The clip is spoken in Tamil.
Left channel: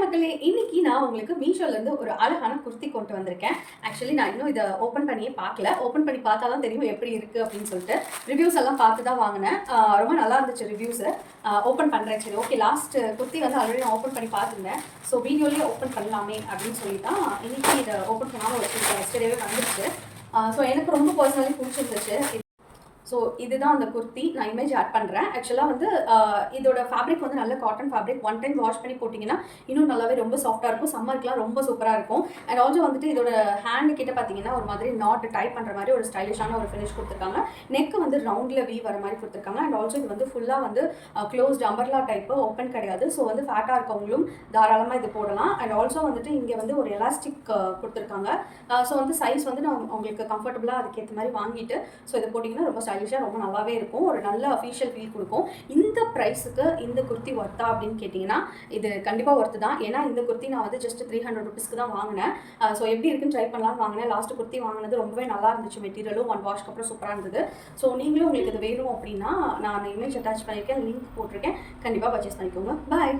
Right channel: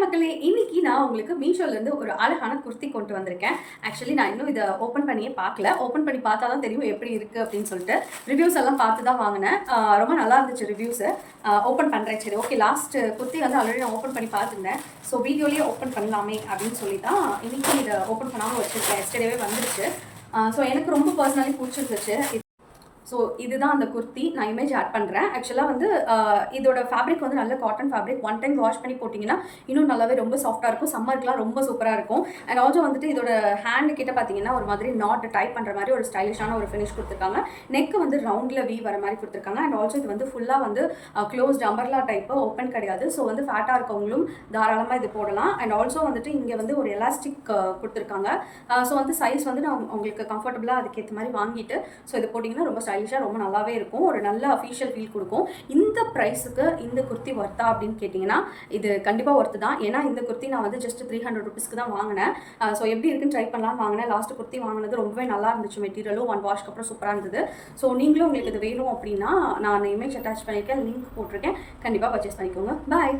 மக்களே, இன்னைக்கு நான் உங்களுக்கு மீஷோலேருந்து ஒரு அழகான குர்த்தி கொண்டு வந்திருக்கேன். ஆக்சுவலி நான் இன்னும் இத ஓப்பன் பண்ணியே பார்க்கல. ஓப்பன் பண்ணி பார்த்தா தான் தெரியும் எப்படி இருக்கு அப்படின்னு சொல்லிட்டு. ரிவ்யூஸ் எல்லாம் பார்த்து தான் வாங்குனேன். ரொம்ப நல்லா இருந்துச்சு ரிவ்யூஸு. ஓப்பன் பண்ணுறேன். சரி ஓகே, லாஸ்ட் குர்த்தி வந்து ஆல்ரெடி நான் ஓப்பன் பண்ணி பார்த்துருந்தேன். ஸோ வீடியோலேயே ஓப்பன் பண்ணலாமே அப்படின்னு சொல்லி தான் இன்னைக்கு இதை ஓப்பன் பண்ணாமல் வச்சுருக்கேன். எஸ்டர்டேவே வந்துருச்சு. ஸோ எனக்கு ரொம்ப பர்சனலி பிடிச்சிருந்துச்சு. ஸோ இதுதான் அந்த குர்த்தி. நான் இமேஜ் ஆட் பண்ணுறேன். ஆக்சுவலாக வந்து இதோட ஃபேப்ரிக் வந்து நல்ல cotton fabric. One time wash பண்ணி போட்டிங்கன்னா இன்னும் நல்லாவே ரொம்ப சாஃப்ட்டாக இருக்கும். சம்மருக்குலாம் ரொம்ப சூப்பராக இருக்கும். அண்ட் ஆல்சோ வந்துட்டு இதோட ஹேண்டு கிட்ட பார்த்தீங்கன்னா ஒரு மாதிரி நாட் டைப் பண்ணுற மாதிரி ஒரு ஸ்டைலிஷான ஒரு ஃபினிஷ் கொடுத்துருக்காங்க. நெக்கு வந்து ரவுண்டில் வீ வர மாதிரி கொடுத்துருக்காங்க. அண்ட் ஆல்சோ இது வந்து ஃபுல்லாக வந்து க்ளோஸ்ட் அம்பர்லா டைப்பு, ஓப்பன் கிடையாது. ஸோ வந்து ஃபேட்டாக இருக்கவங்களும் தாராளமாக இது போடலாம். அண்ட் ஆல்சோ வந்துட்டு இங்கே வந்து ஒரு எலாஸ்டிக் கொடுத்துருக்காங்க. ஸோ வந்து சைஸ் வந்து நான் உங்களுக்கு கம்ஃபர்டபுளாக அதுக்கேற்ற மாதிரி வாங்கிட்டு ஸோ இது போட்டிங்கன்னா ரொம்ப ஸ்டைலிஷாக ரொம்ப நல்லாவே இருக்கும். ஒரு நல்ல அஃபீஷியல் ஃபீல் கொடுக்கும். இந்த ப்ரைஸுக்கு இந்த குர்த்தி ஒர்த்தா அப்படின்னு கேட்டிங்கன்னா இது கண்டிப்பாக ஒர்த்து தான். ஏன்னா இந்த குர்த்தி நான் வந்து ஜஸ்ட் 300 ருபீஸ்க்கு தான் வாங்கினேன். ஸோ எப்படி இருக்குன்னு ட்ரை பண்ணலான்னு வாங்கினேன். லாஸ்ட் குர்த்தி வாங்கினது ரொம்பவே நல்லா இருந்துச்சு. மெட்டீரியலும் 1 வாஷ்க்கு அப்புறம் சூப்பராக இருந்தது. ஸோ நீங்களும் உங்களுக்கு இது வேணும் அப்படின்னா நான் இமேஜ் அட்டாச் பண்ணியிருக்கேன், லிங்க் போட்டிருக்கேன். கண்டிப்பாக பர்ச்சேஸ் பண்ணிக்கோங்க. பாய்.